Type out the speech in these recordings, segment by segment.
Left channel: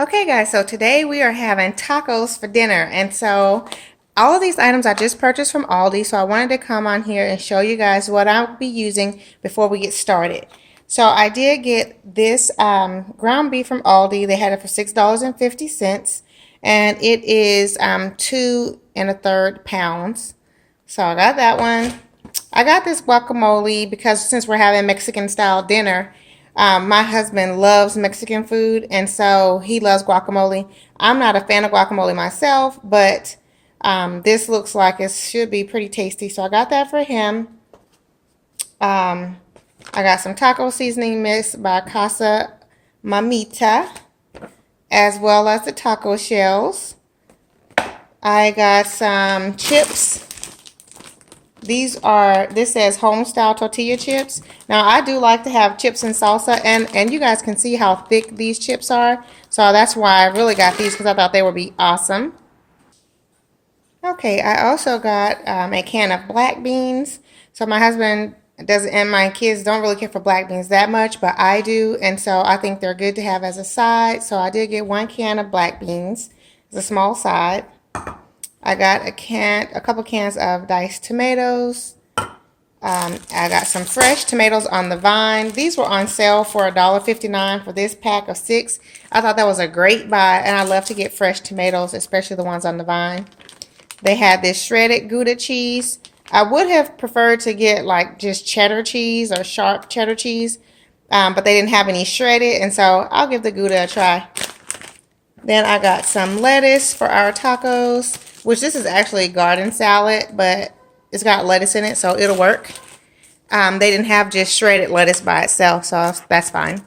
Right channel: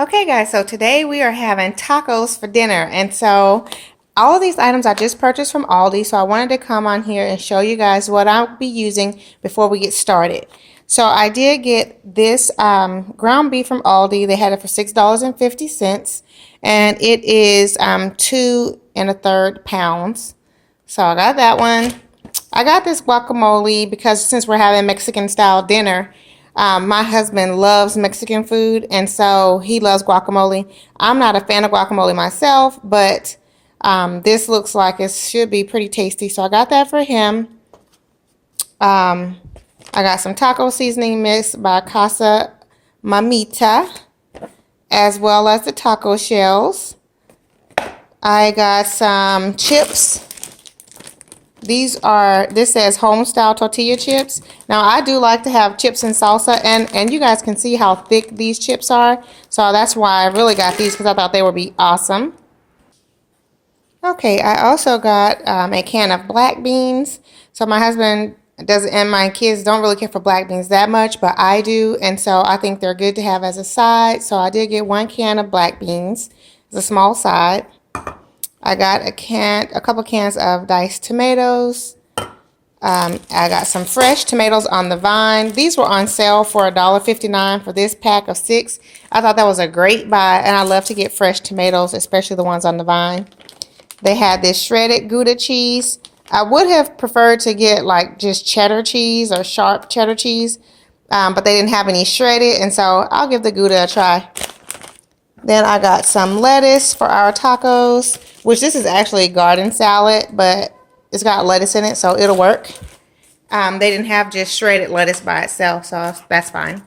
Okay guys, so today we are having tacos for dinner, and so all of these items I just purchased from Aldi, so I wanted to come on here and show you guys what I'll be using before we get started. So I did get this ground beef from Aldi. They had it for $6.50, and it is 2 1/3 pounds. So I got that one. I got this guacamole because since we're having Mexican style dinner, my husband loves Mexican food, and so he loves guacamole. I'm not a fan of guacamole myself, but this looks like it should be pretty tasty, so I got that for him. I got some taco seasoning mix by Casa Mamita, as well as the taco shells. I got some chips. This says home style tortilla chips. Now I do like to have chips and salsa, and you guys can see how thick these chips are. So that's why I really got these, because I thought they would be awesome. Okay, I also got a can of black beans. So my husband doesn't, and my kids don't really care for black beans that much, but I do, and so I think they're good to have as a side. So I did get 1 can of black beans. It's a small side. I got a couple cans of diced tomatoes. I got some fresh tomatoes on the vine. These were on sale for $1.59 for this pack of 6. I thought that was a great buy, and I love to get fresh tomatoes, especially the ones on the vine. They had this shredded Gouda cheese. I would have preferred to get like just cheddar cheese or sharp cheddar cheese, but they didn't have any shredded, and so I'll give the Gouda a try. Then I got some lettuce for our tacos, which this is actually garden salad, but it's got lettuce in it, so it'll work. They didn't have just shredded lettuce by itself, so that's fine.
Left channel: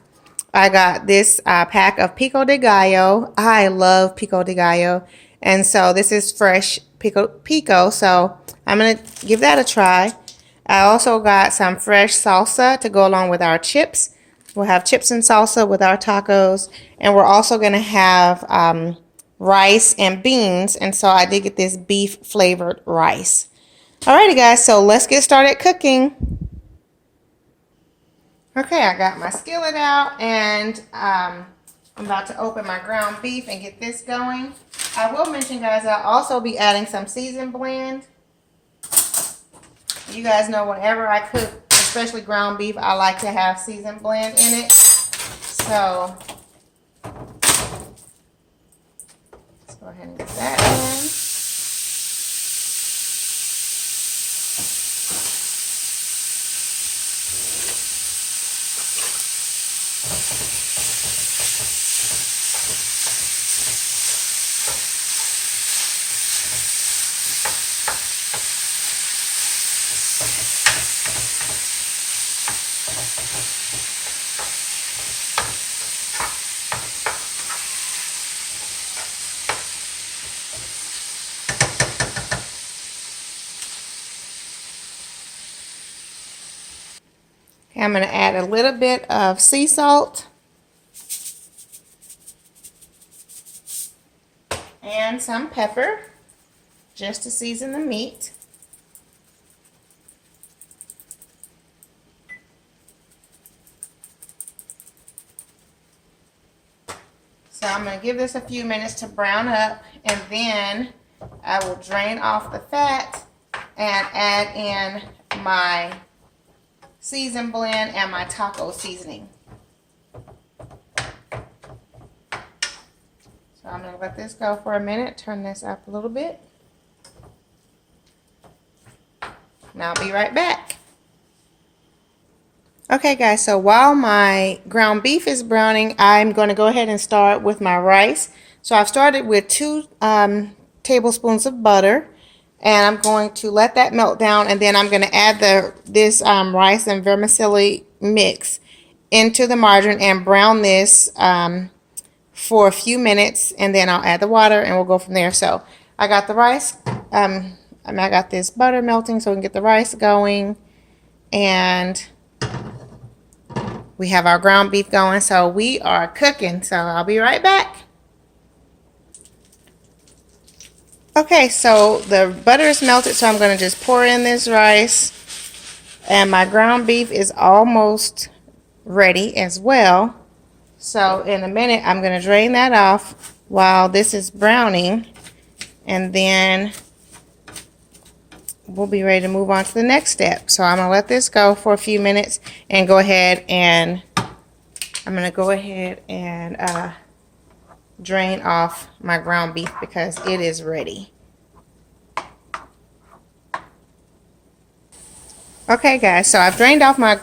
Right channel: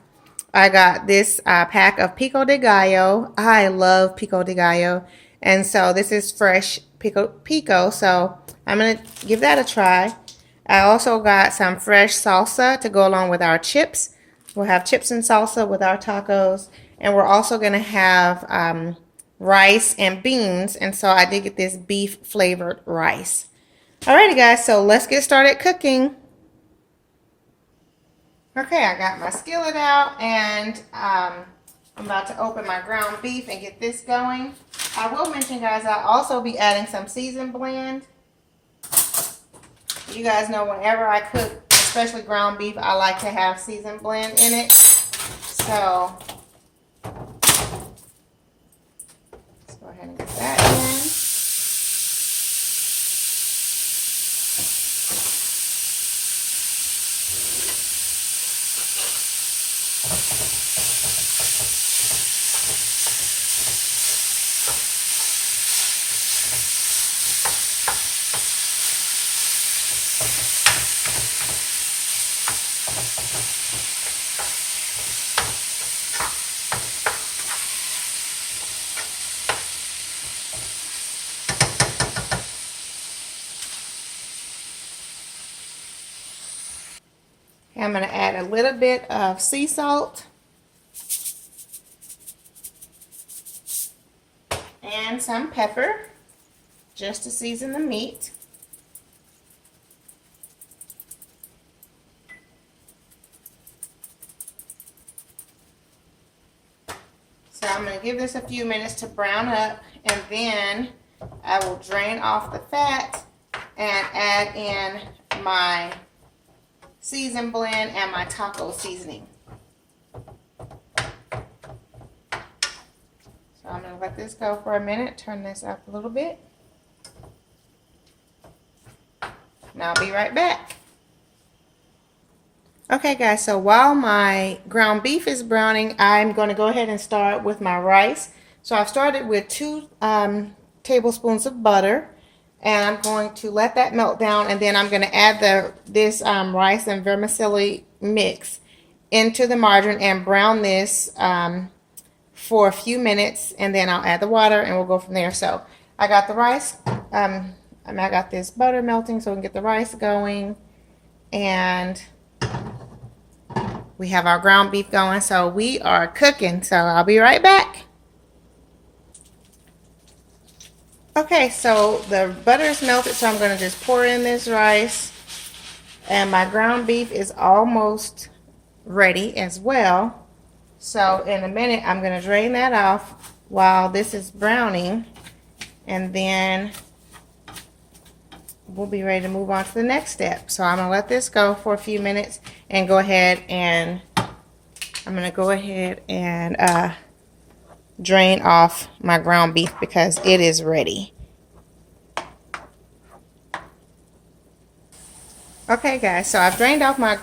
I got this pack of pico de gallo. I love pico de gallo, and so this is fresh pico, so I'm going to give that a try. I also got some fresh salsa to go along with our chips. We'll have chips and salsa with our tacos, and we're also going to have rice and beans, and so I did get this beef flavored rice. Alrighty guys, so let's get started cooking. Okay, I got my skillet out, and I'm about to open my ground beef and get this going. I will mention, guys, I'll also be adding some seasoned blend. You guys know whenever I cook, especially ground beef, I like to have seasoned blend in it. So let's go ahead and get that in. I'm going to add a little bit of sea salt and some pepper just to season the meat. So I'm going to give this a few minutes to brown up, and then I will drain off the fat and add in my seasoned blend and my taco seasoning. So I'm going to let this go for a minute, turn this up a little bit. Now I'll be right back. Okay guys, so while my ground beef is browning, I'm going to go ahead and start with my rice. So I've started with 2 tablespoons of butter, and I'm going to let that melt down, and then I'm going to add this rice and vermicelli mix into the margarine and brown this for a few minutes, and then I'll add the water and we'll go from there. So I got the rice, I got this butter melting so we can get the rice going, and we have our ground beef going, so we are cooking. So I'll be right back. Okay, so the butter is melted, so I'm going to just pour in this rice, and my ground beef is almost ready as well. So in a minute, I'm going to drain that off while this is browning, and then we'll be ready to move on to the next step. So I'm going to let this go for a few minutes and go ahead and drain off my ground beef because it is ready. Okay guys, so I've drained off my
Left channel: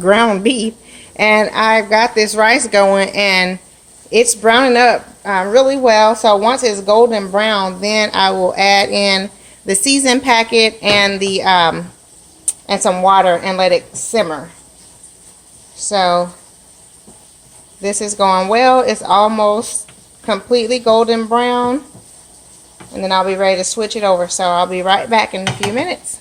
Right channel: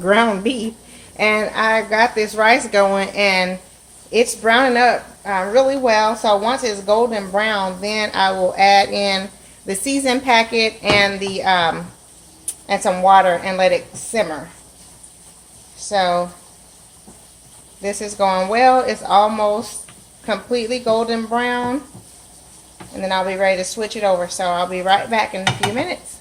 ground beef, and I got this rice going, and it's browning up really well. So once it's golden brown, then I will add in the seasoned packet and the and some water and let it simmer. So this is going well. It's almost completely golden brown, and then I'll be ready to switch it over. So I'll be right back in a few minutes.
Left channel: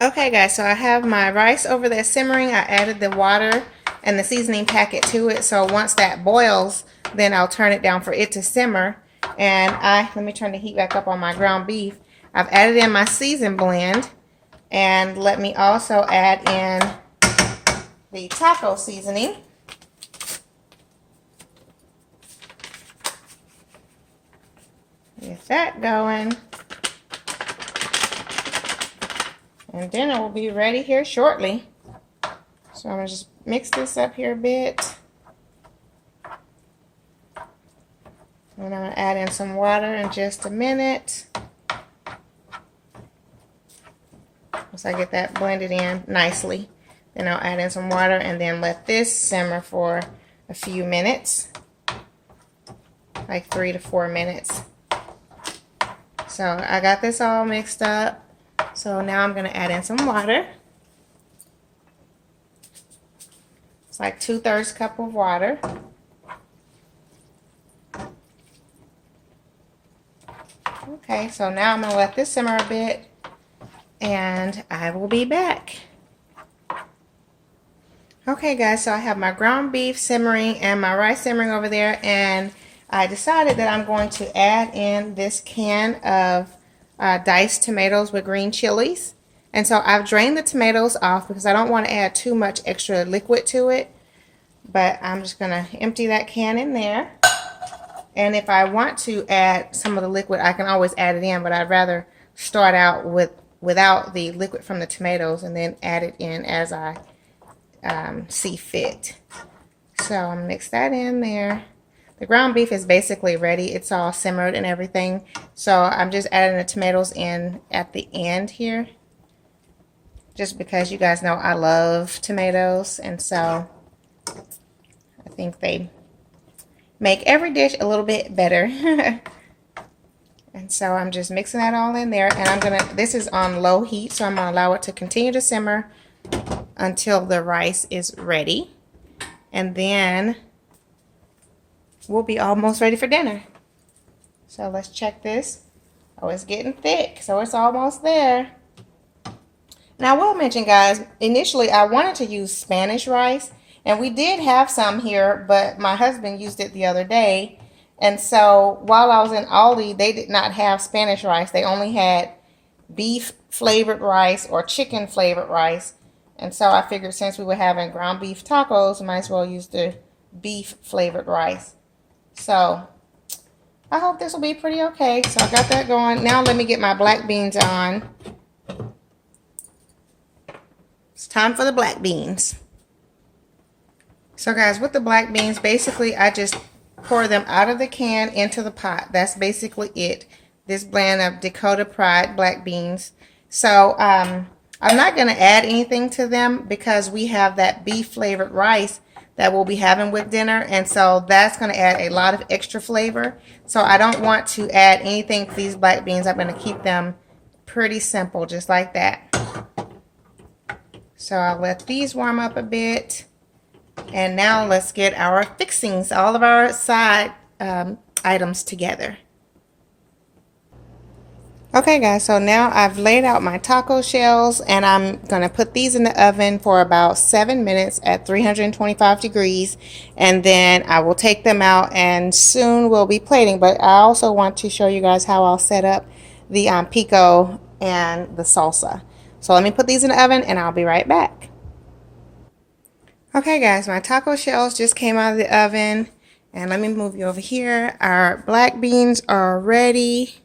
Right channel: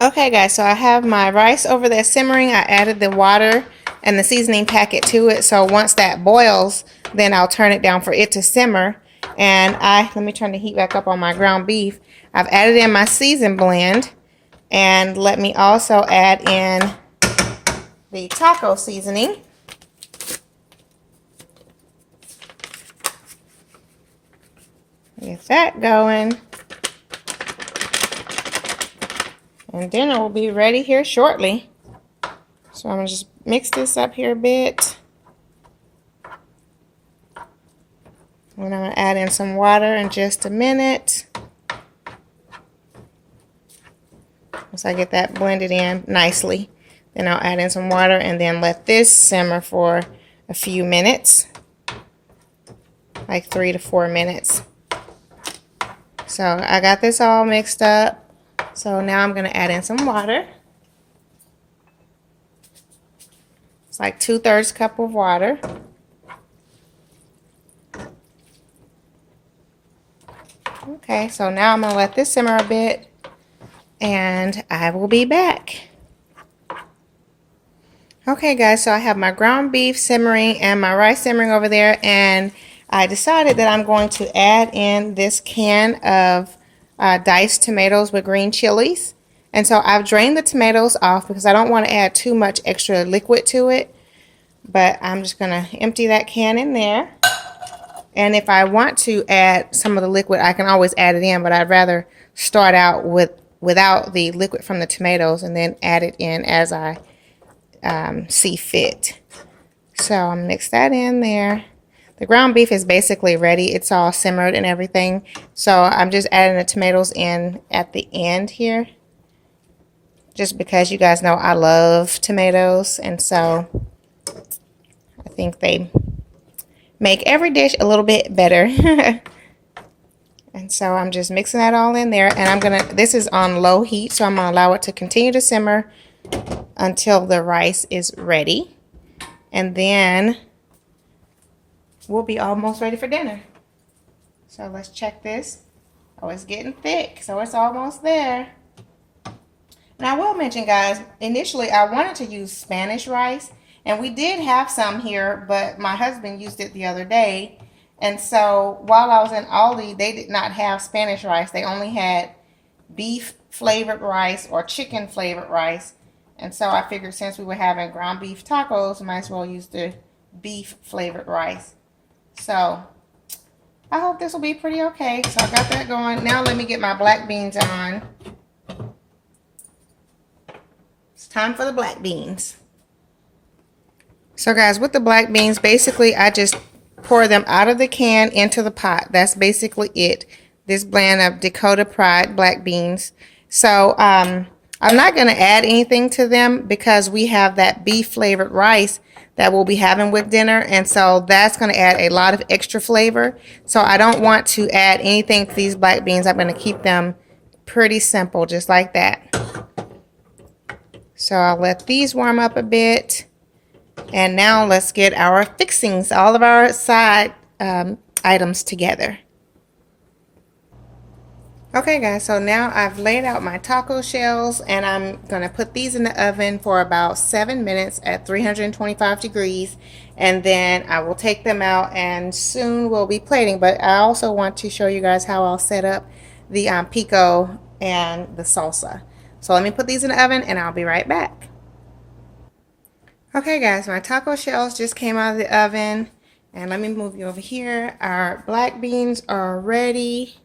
Okay guys, so I have my rice over there simmering. I added the water and the seasoning packet to it. So once that boils, then I'll turn it down for it to simmer. And let me turn the heat back up on my ground beef. I've added in my season blend, and let me also add in the taco seasoning. Get that going. And dinner will be ready here shortly. So I'm going to just mix this up here a bit. And I'm going to add in some water in just a minute. Once I get that blended in nicely, then I'll add in some water and then let this simmer for a few minutes. Like 3 to 4 minutes. So I got this all mixed up. So now I'm going to add in some water. It's like 2/3 cup of water. Okay, so now I'm going to let this simmer a bit, and I will be back. Okay guys, so I have my ground beef simmering and my rice simmering over there, and I decided that I'm going to add in this can of diced tomatoes with green chilies. And so I've drained the tomatoes off because I don't want to add too much extra liquid to it, but I'm just going to empty that can in there. And if I want to add some of the liquid, I can always add it in, but I'd rather start out without the liquid from the tomatoes and then add it in as I see fit. So I'll mix that in there. The ground beef is basically ready. It's all simmered and everything. So I'm just adding the tomatoes in at the end here. Just because you guys know I love tomatoes. And so I think they make every dish a little bit better. And so I'm just mixing that all in there. And this is on low heat. So I'm going to allow it to continue to simmer until the rice is ready. And then we'll be almost ready for dinner. So let's check this. Oh, it's getting thick, so it's almost there. Now, I will mention, guys, initially I wanted to use Spanish rice, and we did have some here, but my husband used it the other day. And so while I was in Aldi, they did not have Spanish rice. They only had beef flavored rice or chicken flavored rice. And so I figured since we were having ground beef tacos, I might as well use the beef flavored rice. So I hope this will be pretty okay. So I got that going. Now let me get my black beans on. It's time for the black beans. So guys, with the black beans, basically I just pour them out of the can into the pot. That's basically it. This blend of Decor Pride black beans. So I'm not going to add anything to them because we have that beef flavored rice that we'll be having with dinner, and so that's going to add a lot of extra flavor. So I don't want to add anything to these black beans. I'm going to keep them pretty simple, just like that. So I'll let these warm up a bit, and now let's get our fixings, all of our side items together. Okay guys, so now I've laid out my taco shells, and I'm going to put these in the oven for about 7 minutes at 325 degrees, and then I will take them out and soon we'll be plating. But I also want to show you guys how I'll set up the pico and the salsa. So let me put these in the oven and I'll be right back. Okay guys, my taco shells just came out of the oven. And let me move you over here. Our black beans are ready.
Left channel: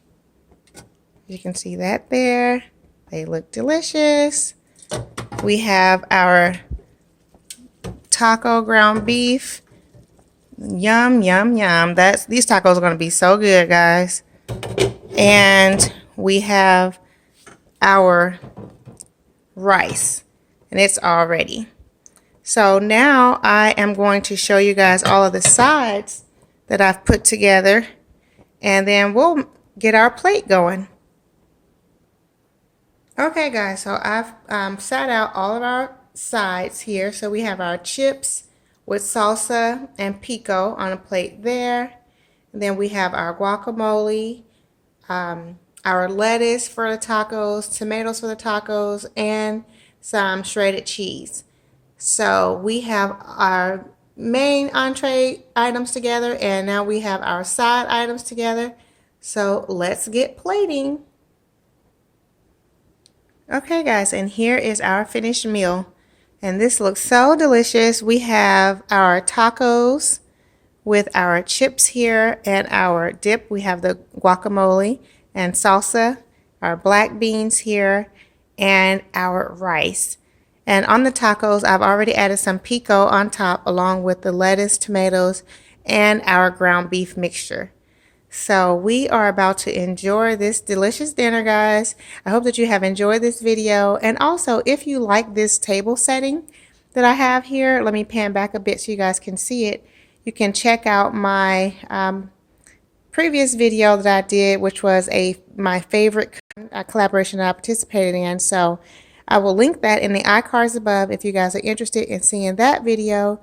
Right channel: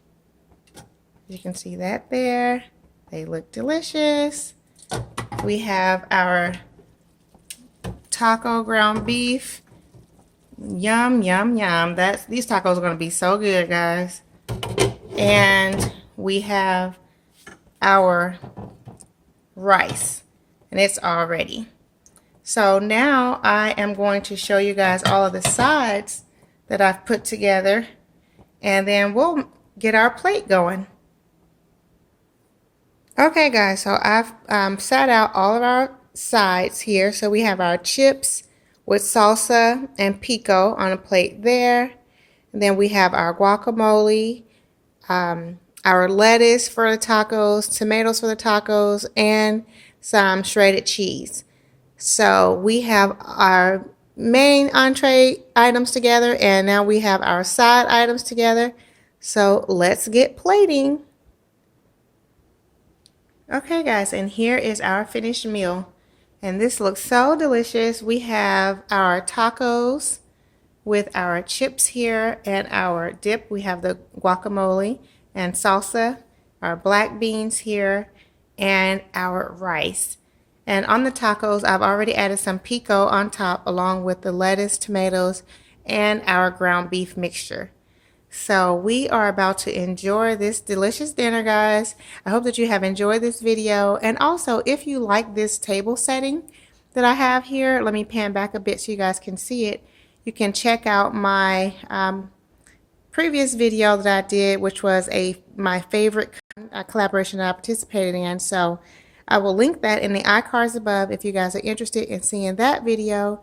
You can see that there. They look delicious. We have our taco ground beef. Yum, yum, yum. These tacos are going to be so good, guys. And we have our rice. And it's all ready. So now I am going to show you guys all of the sides that I've put together. And then we'll get our plate going. Okay guys, so I've sat out all of our sides here. So we have our chips with salsa and pico on a plate there. And then we have our guacamole, our lettuce for the tacos, tomatoes for the tacos, and some shredded cheese. So we have our main entree items together, and now we have our side items together. So let's get plating. Okay guys, and here is our finished meal. And this looks so delicious. We have our tacos with our chips here and our dip. We have the guacamole and salsa, our black beans here, and our rice. And on the tacos, I've already added some pico on top along with the lettuce, tomatoes, and our ground beef mixture. So we are about to enjoy this delicious dinner, guys. I hope that you have enjoyed this video. And also, if you like this table setting that I have here, let me pan back a bit so you guys can see it. You can check out my previous video that I did, which was my favorite collaboration that I participated in. So I will link that in the iCards above if you guys are interested in seeing that video.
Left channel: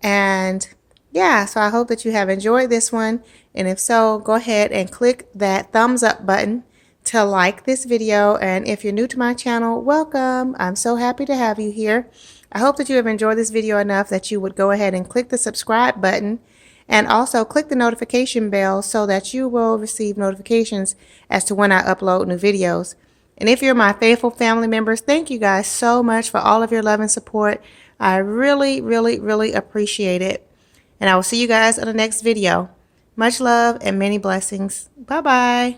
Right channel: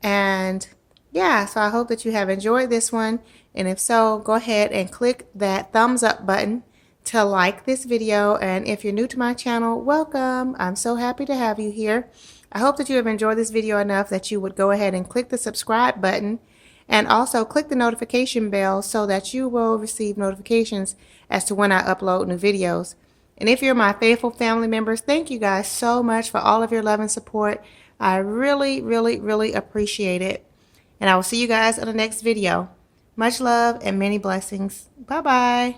And yeah, so I hope that you have enjoyed this one. And if so, go ahead and click that thumbs up button to like this video. And if you're new to my channel, welcome. I'm so happy to have you here. I hope that you have enjoyed this video enough that you would go ahead and click the subscribe button and also click the notification bell so that you will receive notifications as to when I upload new videos. And if you're my faithful family members, thank you guys so much for all of your love and support. I really, really, really appreciate it. And I will see you guys in the next video. Much love and many blessings. Bye-bye.